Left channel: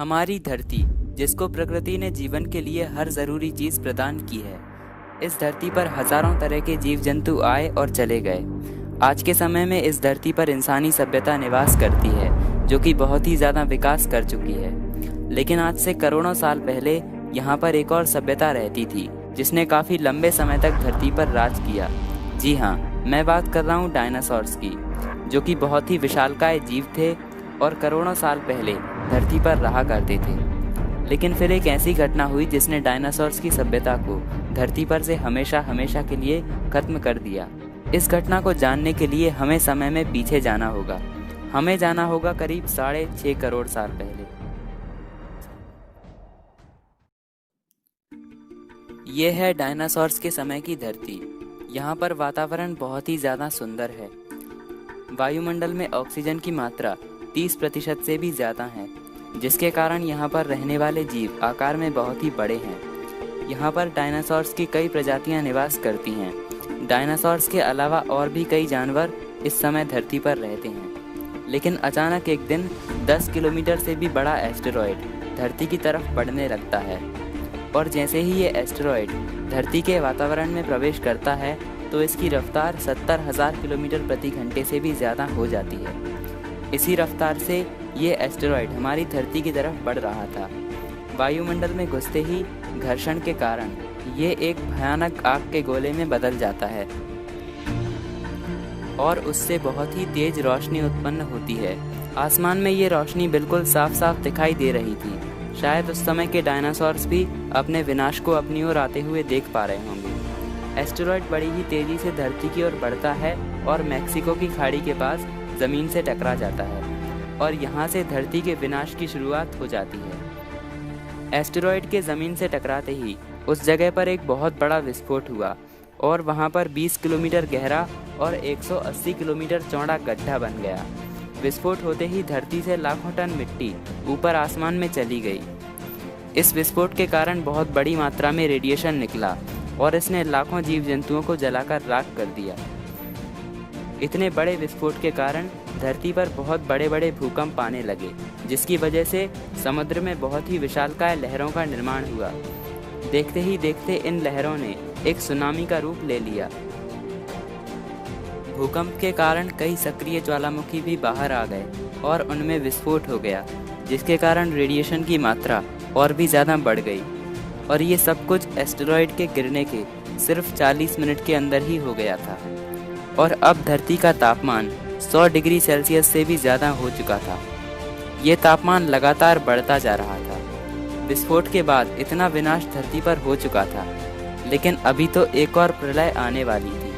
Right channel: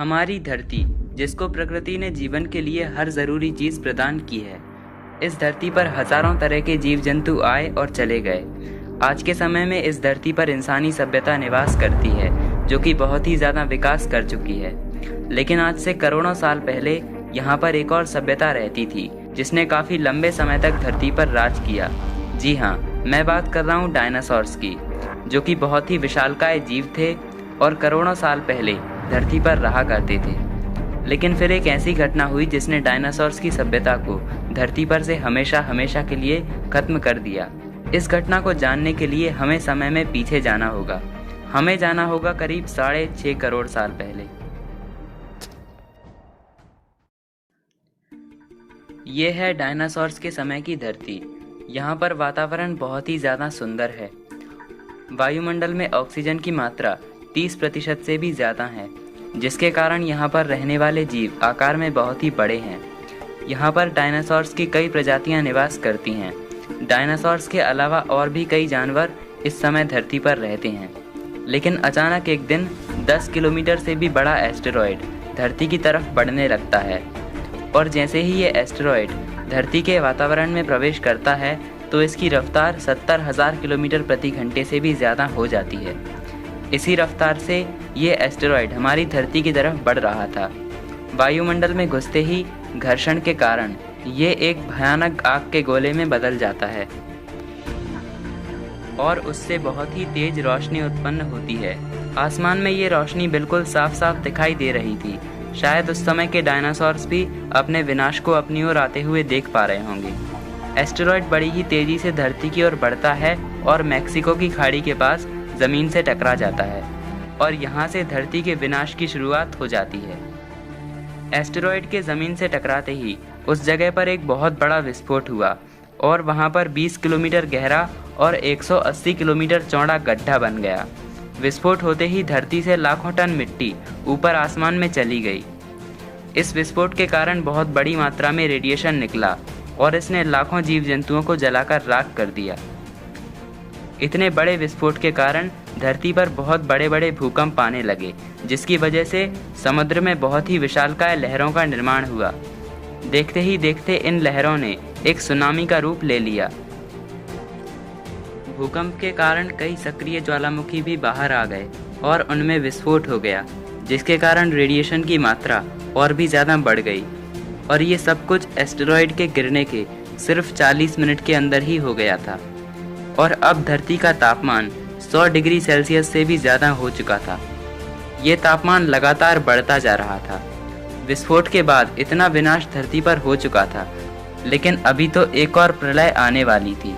हमारी धरती, जिसको प्रकृति ने जीवन के लिए हर ज़रूरी चीज़ प्रदान की है। इस धरती पर हज़ारों तरह के जीव जंतु आए और चले गए। आज के समय में इस धरती पर इंसानी सभ्यता निवास करती है, जो कि बहुत ही ज़्यादा विकास कर चुकी है। लेकिन आज से करोड़ों साल पहले यहाँ पर एक और सभ्यता रहती थी, जिसने काफ़ी लंबे समय तक धरती पर राज किया। जी हाँ, मैं बात कर रहा हूँ डायनासोर्स की, जो कि बहुत ही विशालकाय जीव थे और करोड़ों साल पहले धरती पर रहा करते थे। लेकिन फिर एक ऐसी घटना हुई जिसने डायनासोर्स की सभ्यता को धरती पर से हमेशा हमेशा के लिए खत्म कर दिया। इस घटना को जानने के लिए हमें समय में पीछे जाना होगा। हमें जाना होगा करीब 6.5 करोड़ साल पहले। ये है डायनासोर्स के समय की धरती। यहाँ पर वातावरण बहुत ही ज़्यादा सुंदर है। वायुमंडल में ऑक्सीजन की मात्रा 30% से भी ज़्यादा है, जिसके कारण यहाँ पर रहने वाले जीव आकार में बहुत ही बड़े हैं। यहाँ पर डायनासोर्स की कई प्रजातियाँ निवास करती हैं। डायनासोर्स के अलावा और भी कई जानवर इस समय धरती पर रहते हैं। लेकिन अचानक एक दिन 10 किलोमीटर से भी बड़ा एस्टेरॉयड धरती की तरफ बढ़ने लगता है, और जैसे ही ये एस्टेरॉयड धरती के वातावरण में प्रवेश करता है तो इसकी रफ्तार 70,000 किलोमीटर प्रति घंटे से भी ज़्यादा हो जाती है। इसी रफ्तार से ये एस्टेरॉयड हमारी धरती की तरफ बढ़ रहा था। वायुमंडल में घुसते ही घर्षण के कारण ये एक भयानक आग के गोले में बदल जाता है और उससे बहुत ही तेज रोशनी उत्पन्न होती है। आसमान में ये रोशनी बिल्कुल साफ साफ दिखाई दे रही थी। शायद उस समय के डायनासोर्स भी अपने विनाश को अपनी ओर आते हुए देख पा रहे होंगे। एस्टेरॉयड बड़ी ही तेजी से धरती की ओर बढ़ता है और मैक्सिको की खाड़ी के पास ज़मीन से टकरा जाता है, और यहाँ से धरती के विनाश की शुरुआत हो जाती है। एस्टेरॉयड के ज़मीन से टकराते ही उस जगह पर एक बहुत बड़ा विस्फोट हुआ और वहाँ पर 20 किलोमीटर गहरा और 180 किलोमीटर चौड़ा गड्ढा बन गया। विस्फोट होते ही धरती से लाखों टन मिट्टी ऊपर आसमान में चली गई। इस विस्फोट के कारण बहुत बड़ी मात्रा में रेडिएशन निकला और इसने लाखों जीव जंतुओं को जलाकर राख कर दिया। इतने बड़े विस्फोट के कारण धरती पर बहुत बड़े बड़े भूकंप आने लगे, जिसकी वजह से समुद्र में बहुत ही विशालकाय लहरों का निर्माण हुआ। देखते ही देखते इन लहरों ने एक सुनामी का रूप ले लिया। भूकंप के कारण कई सक्रिय ज्वालामुखी भी बाहर आ गए और उनमें विस्फोट हो गया, जिसके कारण रेडिएशन की मात्रा और भी ज़्यादा बढ़ गई। और ये सब कुछ एस्टेरॉयड के गिरने के सिर्फ 40 मिनट के अंदर ही हो गया था। और अब धरती का तापमान 100 डिग्री सेल्सियस से भी ज़्यादा हो चुका था। ये तापमान लगातार बढ़ता जा रहा था। विस्फोट के बाद इतना विनाश धरती पर हो चुका था, लेकिन अभी तो एक और प्रलय आने वाली थी।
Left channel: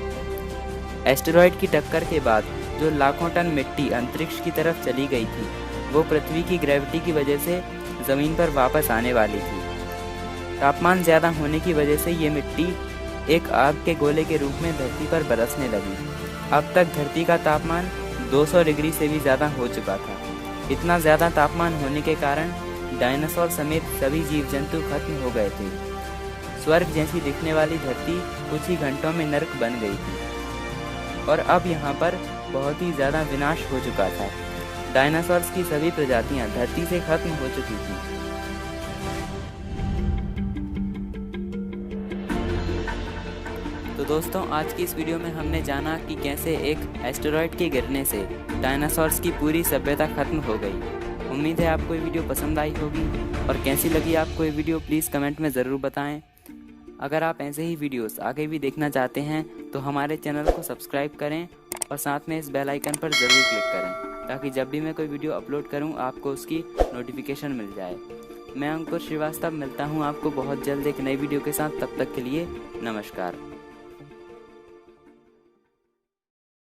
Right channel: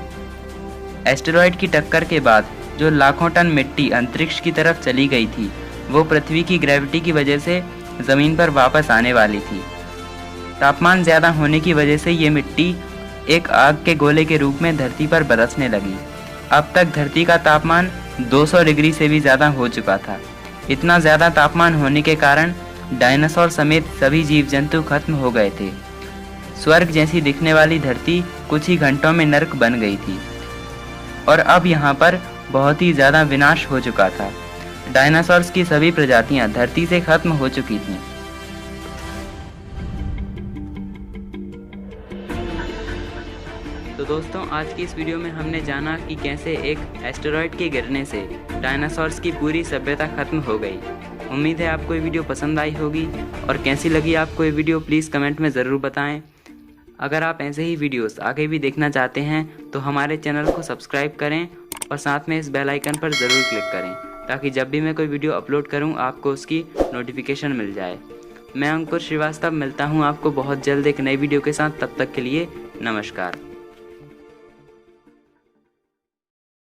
एस्टेरॉयड की टक्कर के बाद जो लाखों टन मिट्टी अंतरिक्ष की तरफ चली गई थी, वो पृथ्वी की ग्रेविटी की वजह से ज़मीन पर वापस आने वाली थी। तापमान ज़्यादा होने की वजह से ये मिट्टी एक आग के गोले के रूप में धरती पर बरसने लगी। अब तक धरती का तापमान 200 डिग्री से भी ज़्यादा हो चुका था। इतना ज़्यादा तापमान होने के कारण डायनासोर समेत सभी जीव जंतु खत्म हो गए थे। स्वर्ग जैसी दिखने वाली धरती कुछ ही घंटों में नर्क बन गई थी, और अब यहाँ पर बहुत ही ज़्यादा विनाश हो चुका था। डायनासोर्स की सभी प्रजातियाँ धरती से खत्म हो चुकी थीं। तो दोस्तों, आज की इस वीडियो में हमने जाना कि कैसे एक एस्टेरॉयड के गिरने से डायनासोर्स की पूरी सभ्यता खत्म हो गई। उम्मीद है आपको ये वीडियो पसंद आई होगी, और कैसी लगी आपको ये वीडियो प्लीज़ कमेंट में ज़रूर बताएं। अगर आप ऐसे ही वीडियोस आगे भी देखना चाहते हैं तो हमारे चैनल को सब्सक्राइब करें और साथ में इस बेल आइकन पर ज़रूर क्लिक करें, ताकि जब भी मैं कोई वीडियो अपलोड करूं आपको उसकी नोटिफिकेशन मिल जाए। मैं अंकुर श्रीवास्तव मिलता हूं आपको बहुत जल्द एक नई वीडियो के साथ। तब तक के लिए नमस्कार।